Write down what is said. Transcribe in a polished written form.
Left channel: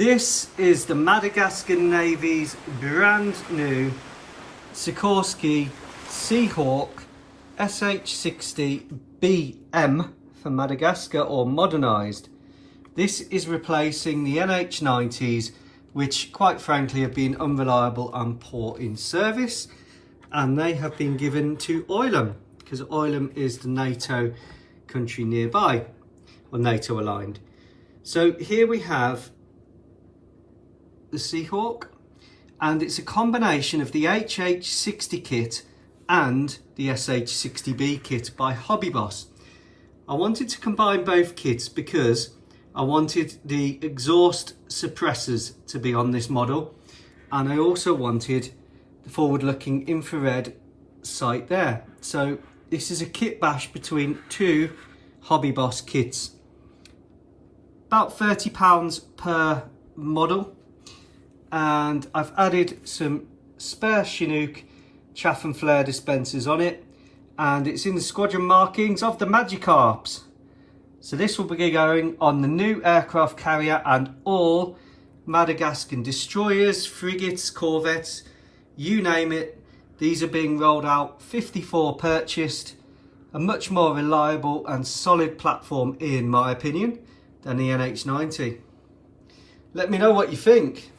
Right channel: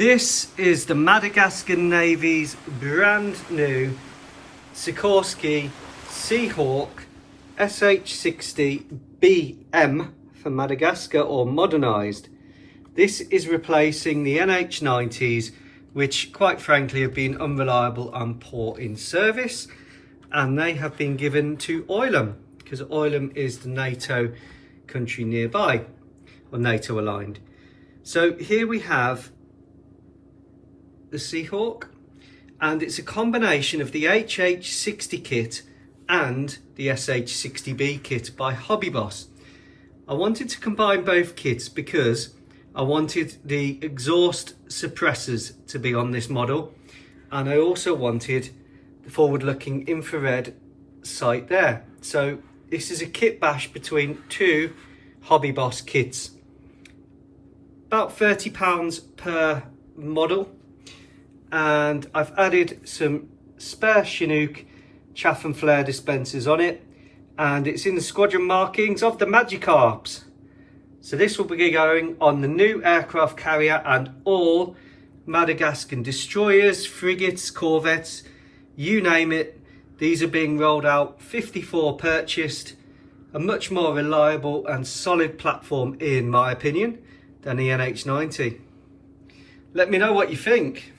This is the Madagascan Navy's brand new Sikorsky Seahawk SH-60B for Madagascar, or modernised. This is replacing the NH-90s, which quite frankly have been unreliable and poor in service, and they have been given to Oilam because Oilam is the NATO country nearby, or NATO aligned. So here we have the Seahawk, and it's a combination of the HH-60 kit and the SH-60B kit by Hobbyboss. I wanted to combine both kits because I wanted the exhaust suppressors to be on this model, and I also wanted the forward-looking infrared sight there. So this is a kit bash between two Hobbyboss kits. About £30 per model, and I've added some spare Chinook chaff and flare dispensers on it, and it's in the squadron markings of the Magikarps. So this will be going on the new aircraft carrier and all Madagascan destroyers, frigates, corvettes, you name it. These are being rolled out, 54 purchased, a much more reliable and solid platform in my opinion than the NH-90. Let me know what you think.